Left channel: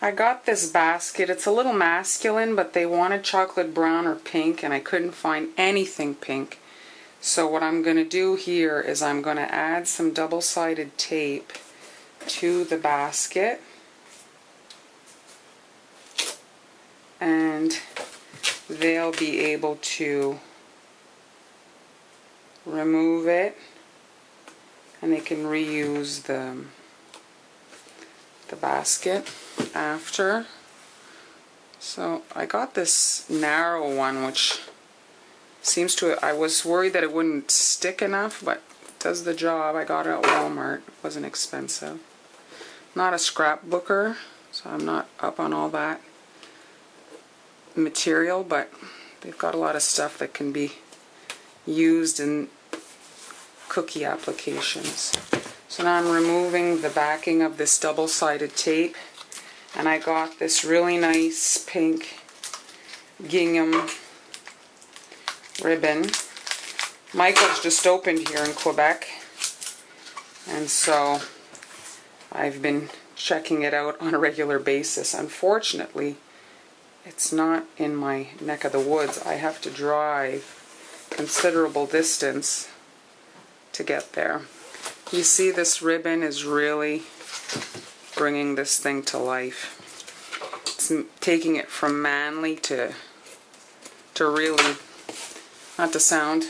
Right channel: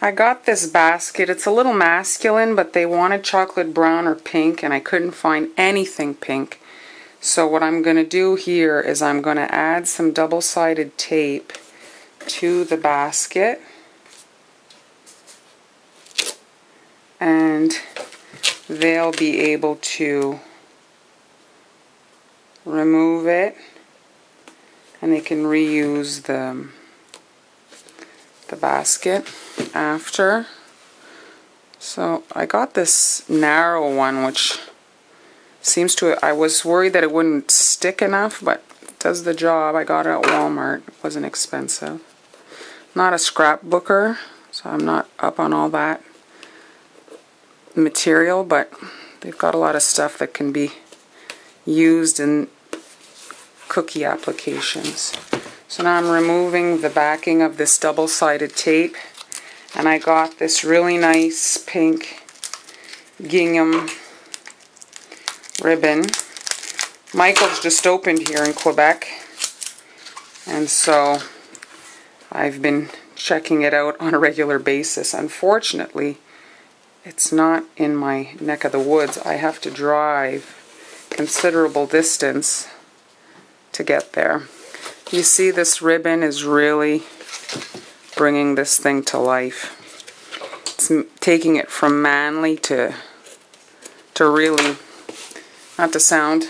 I got this basket. It's a little masculine, but they wanted chocolate brown or pink, and I couldn't find anything pink. So what I'm going to do here is I'm going to add some double-sided tape to the basket. And they'll be able to remove it, and they can reuse the basket after. So I got this narrow one, which seems to, I was worried that it wouldn't stick enough, but it does the job. I got it at Walmart. It wasn't expensive. Not a scrapbooker, so I'm not up on all that material, but they've got a lot of stuff that can be used in cookie applications. So now I'm removing the backing of this double-sided tape, and I got this really nice pink gingham ribbon. Michael's just opened here in Quebec, and so I've been checking it out on a regular basis. Unfortunately, it's not in my neck of the woods. I have to drive considerable distance to get there. You see, this ribbon is really bringing this thing to life. It's taking it from manly to really, not to sound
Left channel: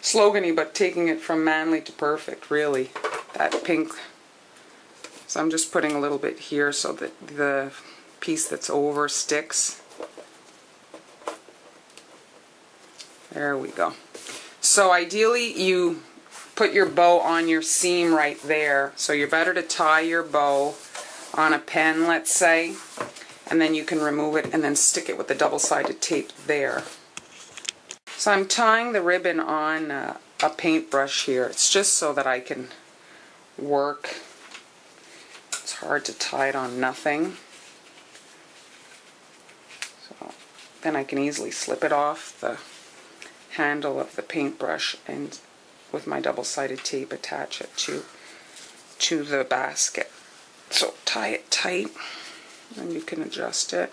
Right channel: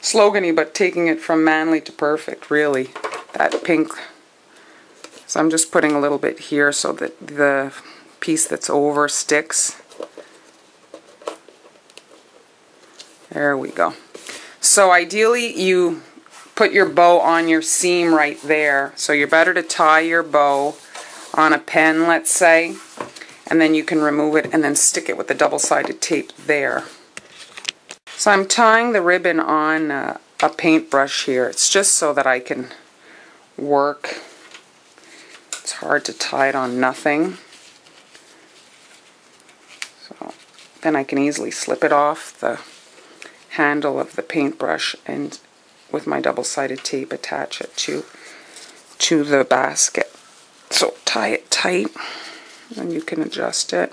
slogany, but taking it from manly to perfect, really. That pink. So I'm just putting a little bit here so that the piece that's over sticks. There we go. So ideally you put your bow on your seam right there. So you're better to tie your bow on a pen, let's say, and then you can remove it and then stick it with the double-sided tape there. So I'm tying the ribbon on a paintbrush here. It's just so that I can work. It's hard to tie it on nothing. So then I can easily slip it off the handle of the paintbrush and with my double-sided tape attach it to the basket. So tie it tight and you can adjust it.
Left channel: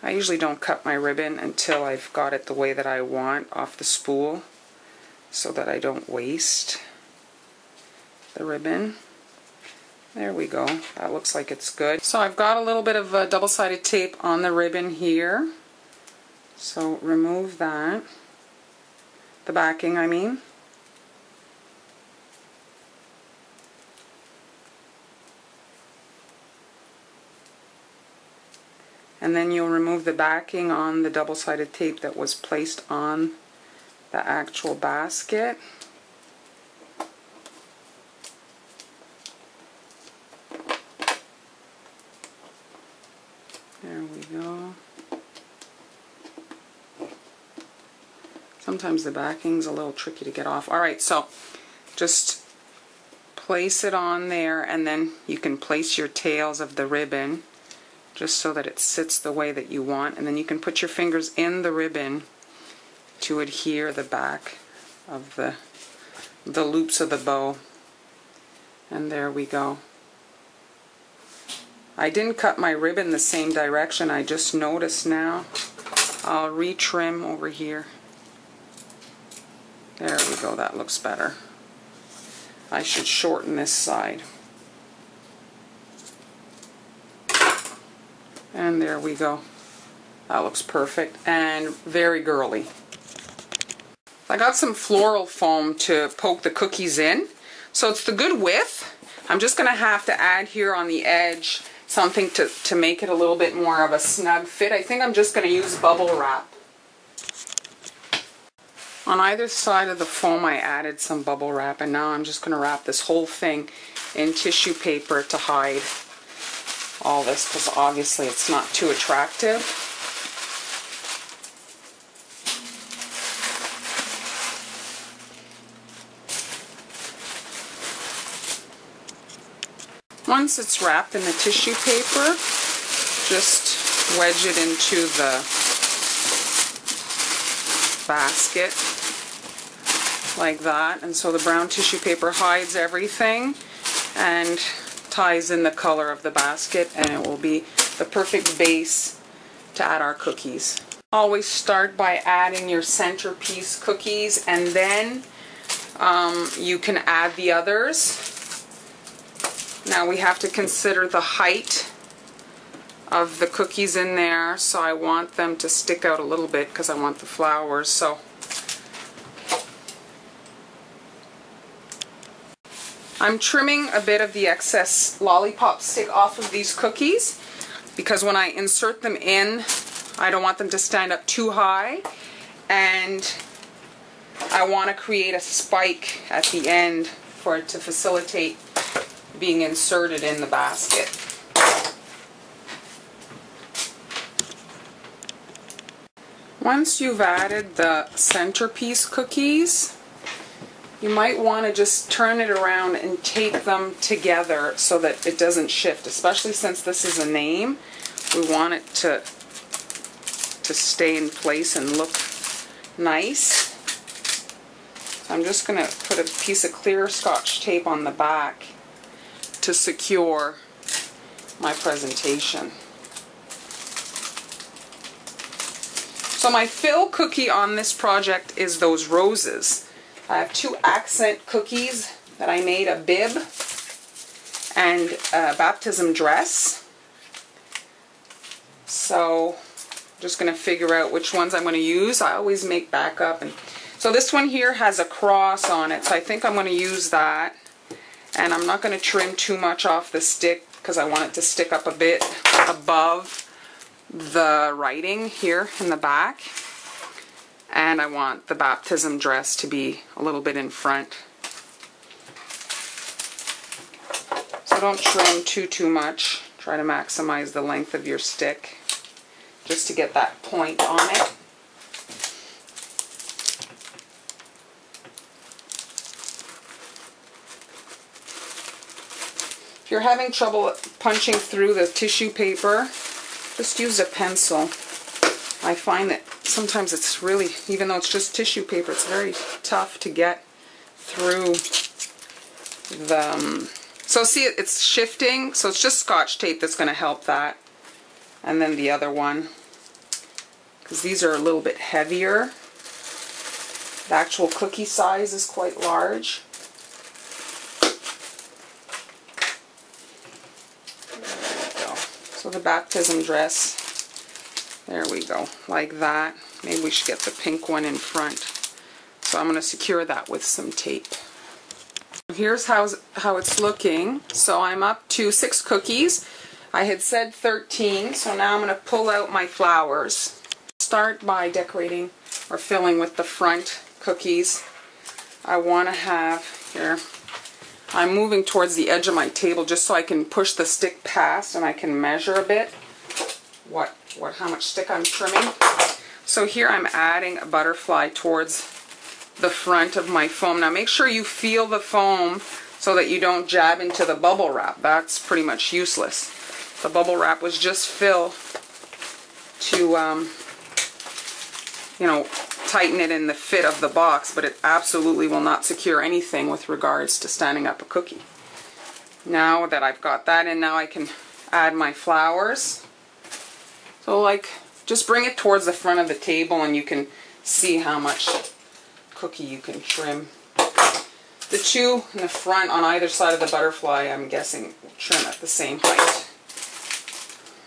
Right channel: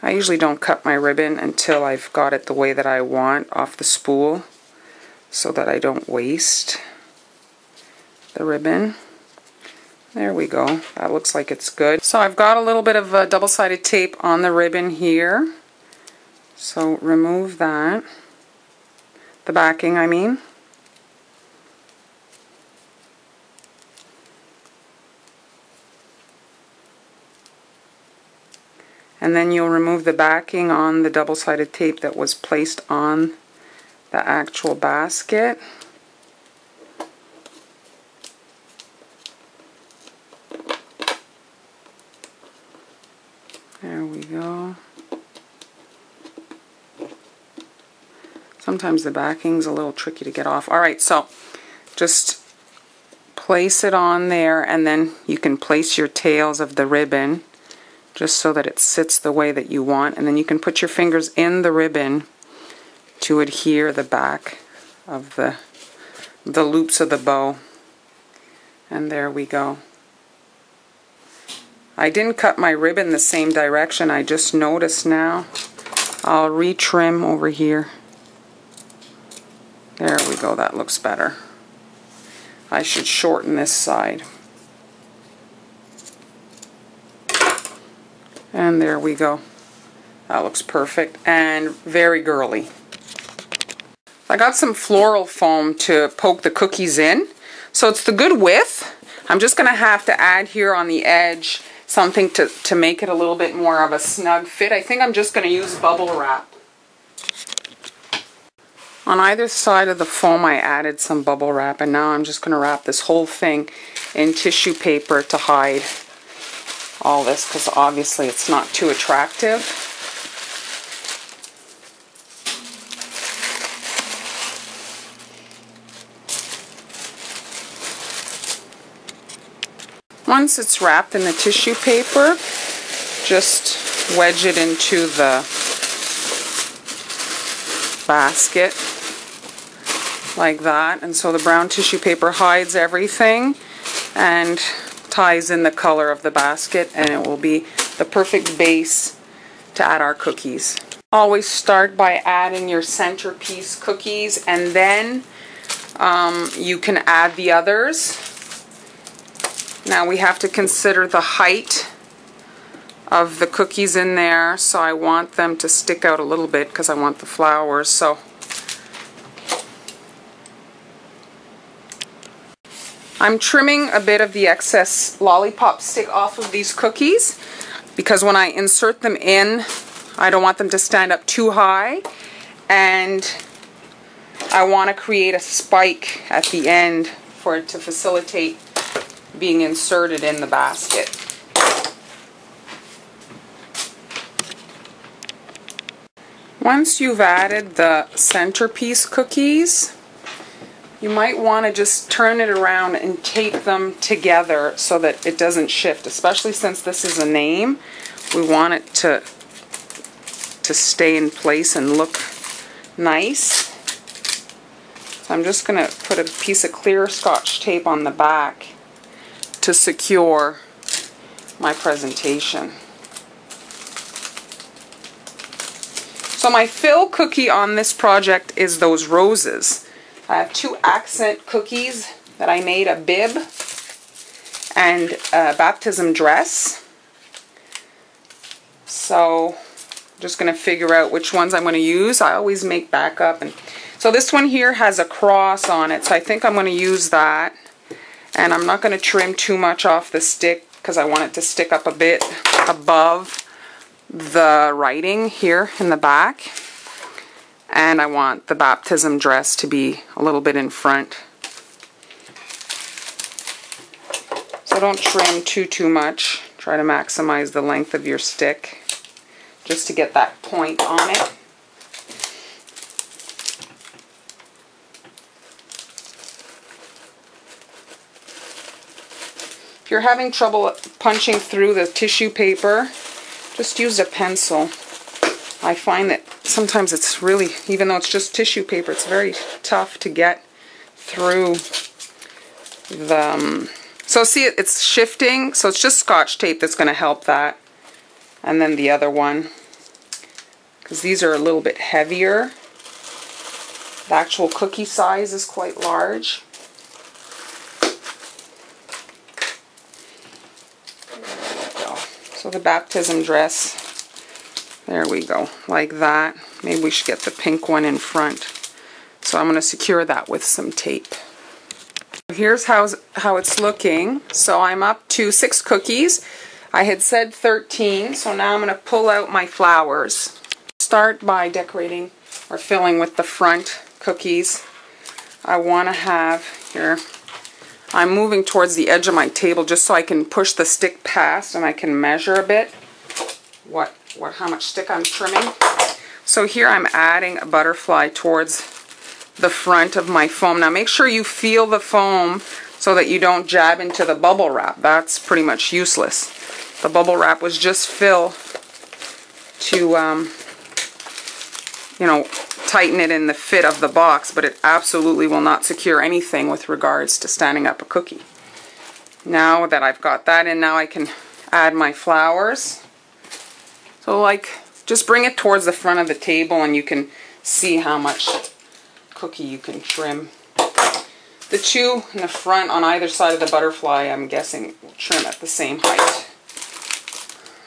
I usually don't cut my ribbon until I've got it the way that I want off the spool so that I don't waste the ribbon. There we go. That looks like it's good. So I've got a little bit of double-sided tape on the ribbon here. So remove that. The backing, I mean. And then you'll remove the backing on the double-sided tape that was placed on the actual basket. There we go. Sometimes the backing's a little tricky to get off. Alright, so just place it on there, and then you can place your tails of the ribbon just so that it sits the way that you want, and then you can put your fingers in the ribbon to adhere the back of the loops of the bow. And there we go. I didn't cut my ribbon the same direction. I just noticed now. I'll retrim over here. There we go. That looks better. I should shorten this side. And there we go. That looks perfect and very girly. I got some floral foam to poke the cookies in. So it's the good width. I'm just going to have to add here on the edge something to make it a little bit more of a snug fit. I think I'm just going to use bubble wrap. On either side of the foam I added some bubble wrap, and now I'm just going to wrap this whole thing in tissue paper to hide all this, because obviously it's not too attractive. Once it's wrapped in the tissue paper, just wedge it into the basket like that, and so the brown tissue paper hides everything, and ties in the color of the basket, and it will be the perfect base to add our cookies. Always start by adding your centerpiece cookies, and then you can add the others. Now we have to consider the height of the cookies in there, so I want them to stick out a little bit because I want the flowers. So I'm trimming a bit of the excess lollipop stick off of these cookies because when I insert them in, I don't want them to stand up too high, and I want to create a spike at the end for it to facilitate being inserted in the basket. Once you've added the centerpiece cookies, you might want to just turn it around and tape them together so that it doesn't shift, especially since this is a name. We want it to stay in place and look nice. So I'm just going to put a piece of clear Scotch tape on the back to secure my presentation. So my fill cookie on this project is those roses. I have 2 accent cookies that I made, a bib and a baptism dress. So I'm just going to figure out which ones I'm going to use. I always make backup. And so this one here has a cross on it, so I think I'm going to use that. And I'm not going to trim too much off the stick because I want it to stick up a bit above the writing here in the back, and I want the baptism dress to be a little bit in front. So don't trim too much. Try to maximize the length of your stick just to get that point on it. If you're having trouble punching through the tissue paper, just use a pencil. I find that sometimes it's really, even though it's just tissue paper, it's very tough to get through the... So see, it's shifting, so it's just Scotch tape that's going to help that. And then the other one, because these are a little bit heavier. The actual cookie size is quite large. So the baptism dress, there we go, like that. Maybe we should get the pink one in front. So I'm going to secure that with some tape. Here's how it's looking. So I'm up to 6 cookies. I had said 13, so now I'm going to pull out my flowers. Start by decorating or filling with the front cookies. I want to have here... I'm moving towards the edge of my table just so I can push the stick past and I can measure a bit how much stick I'm trimming. So here I'm adding a butterfly towards the front of my foam. Now make sure you feel the foam so that you don't jab into the bubble wrap. That's pretty much useless. The bubble wrap was just fill to you know, tighten it in the fit of the box, but it absolutely will not secure anything with regards to standing up a cookie. Now that I've got that in, now I can add my flowers. So like, just bring it towards the front of the table and you can see how much cookie you can trim. The 2 in the front on either side of the butterfly, I'm guessing, will trim at the same height.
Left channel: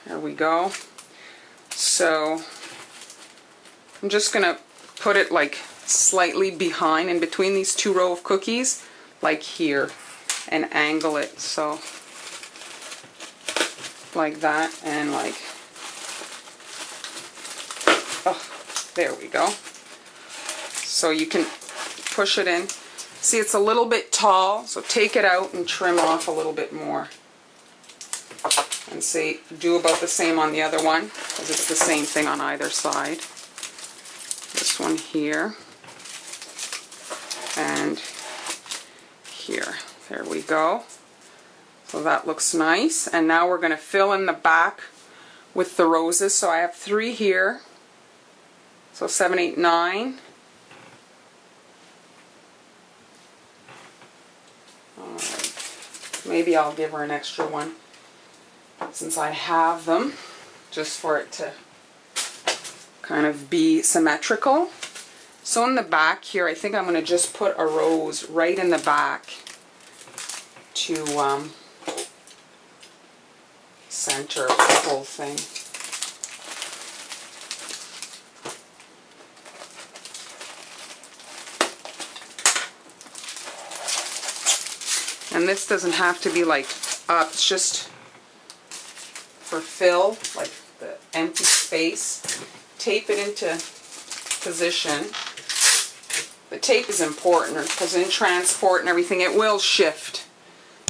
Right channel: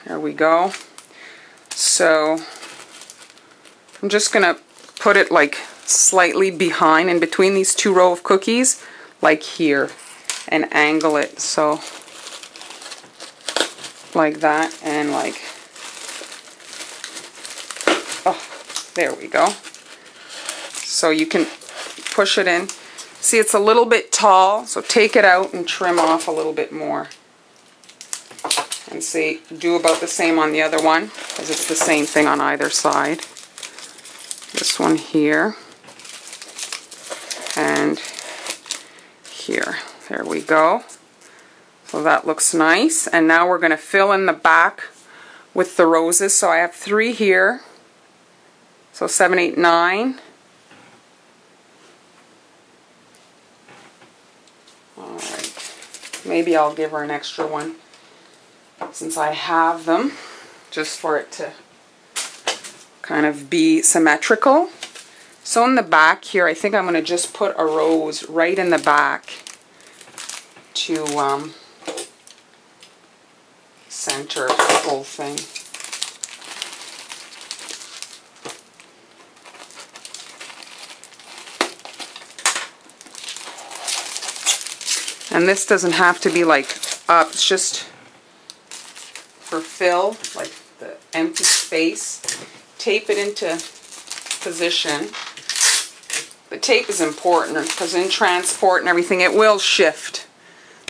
There we go. So I'm just going to put it like slightly behind in between these 2 rows of cookies, like here, and angle it so like that, and like, oh, there we go. So you can push it in. See, it's a little bit tall, so take it out and trim off a little bit more. And see, do about the same on the other one, because it's the same thing on either side. This one here, and here. There we go. So that looks nice. And now we're going to fill in the back with the roses. So I have 3 here. So 7, 8, 9. Alright. maybe I'll give her an extra one since I have them, just for it to kind of be symmetrical. So in the back here, I think I'm going to just put a rose right in the back to center the whole thing. And this doesn't have to be like up, it's just for fill, like the empty space. Tape it into position. The tape is important because in transport and everything it will shift.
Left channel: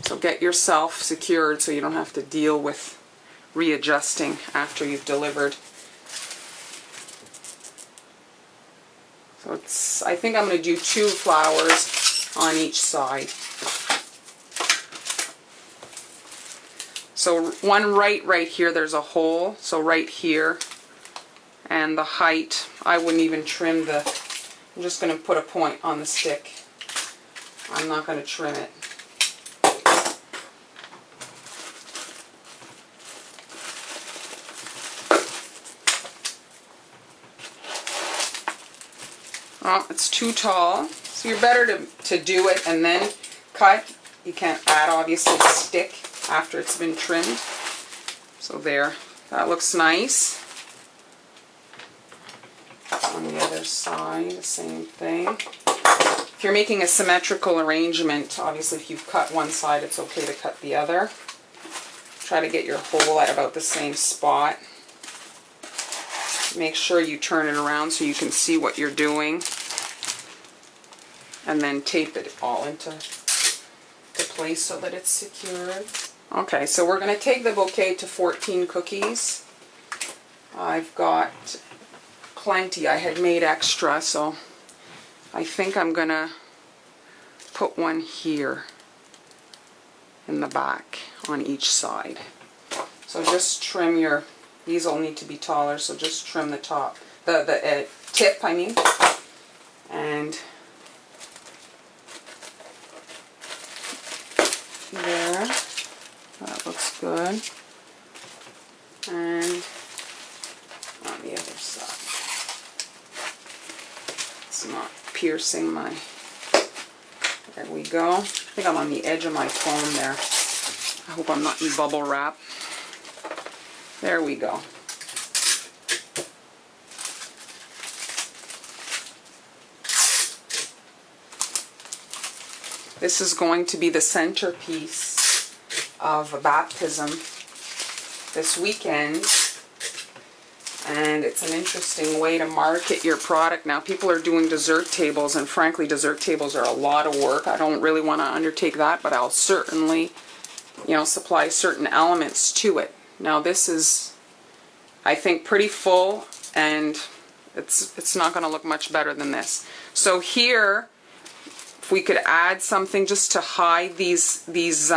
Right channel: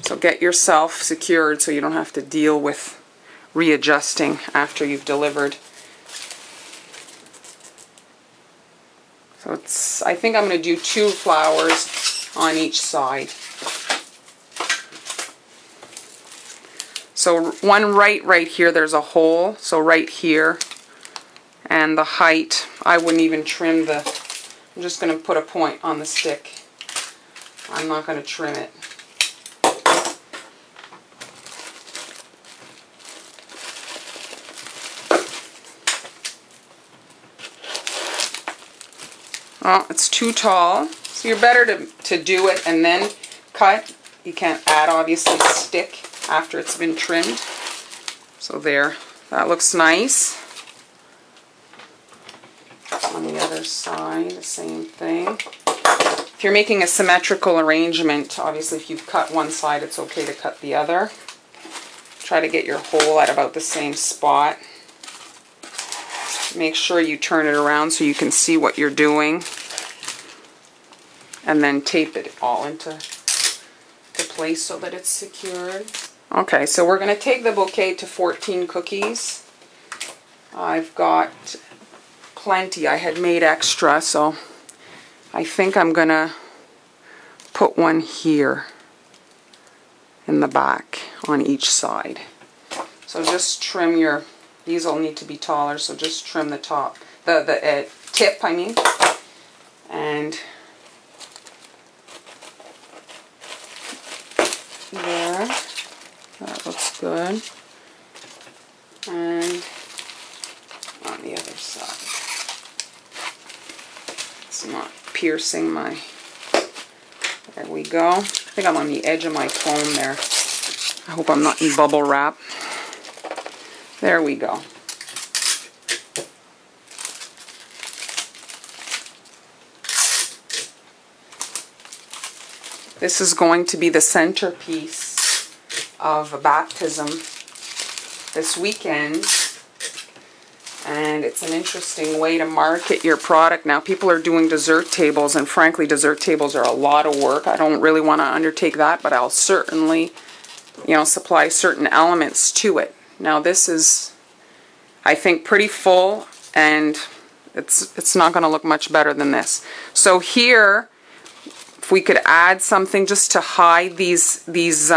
So get yourself secured so you don't have to deal with readjusting after you've delivered. So it's, I think I'm going to do 2 flowers on each side. So one right here, there's a hole, so right here. And the height, I wouldn't even trim the, I'm just going to put a point on the stick. I'm not going to trim it. Well, it's too tall, so you're better to do it and then cut. You can't add, obviously, the stick after it's been trimmed. So there, that looks nice. On the other side, the same thing. If you're making a symmetrical arrangement, obviously if you've cut one side, it's okay to cut the other. Try to get your hole at about the same spot. Make sure you turn it around so you can see what you're doing. And then tape it all into place so that it's secured. Okay, so we're going to take the bouquet to 14 cookies. I've got plenty. I had made extra, so I think I'm going to put one here in the back on each side. So just trim your, these will need to be taller, so just trim the top, the tip, I mean, and there, that looks good, and on the other side, it's not piercing my, there we go. I think I'm on the edge of my phone there. I hope I'm not in bubble wrap. There we go. This is going to be the centerpiece of a baptism this weekend, and it's an interesting way to market your product. Now, people are doing dessert tables, and frankly, dessert tables are a lot of work. I don't really want to undertake that, but I'll certainly, you know, supply certain elements to it. Now, this is, I think, pretty full, and it's not going to look much better than this. So here, if we could add something just to hide these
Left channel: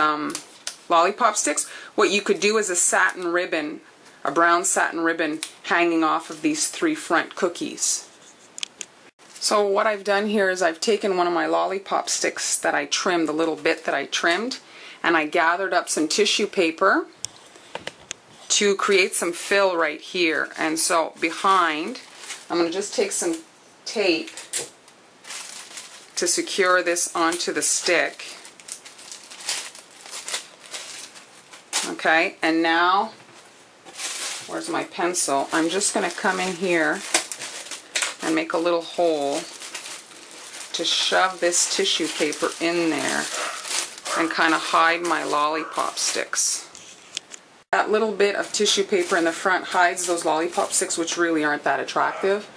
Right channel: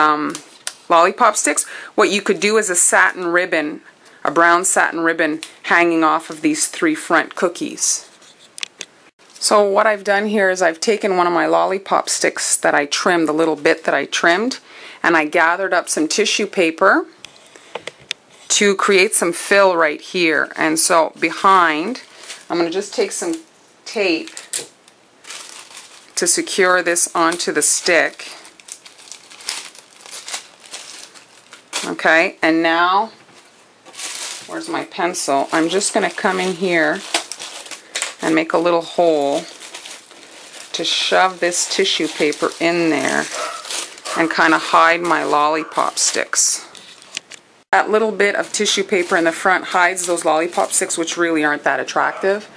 lollipop sticks, what you could do is a satin ribbon, a brown satin ribbon hanging off of these 3 front cookies. So what I've done here is I've taken one of my lollipop sticks that I trimmed, the little bit that I trimmed, and I gathered up some tissue paper to create some fill right here. And so behind, I'm going to just take some tape to secure this onto the stick. Okay, and now, where's my pencil? I'm just going to come in here and make a little hole to shove this tissue paper in there and kind of hide my lollipop sticks. That little bit of tissue paper in the front hides those lollipop sticks, which really aren't that attractive.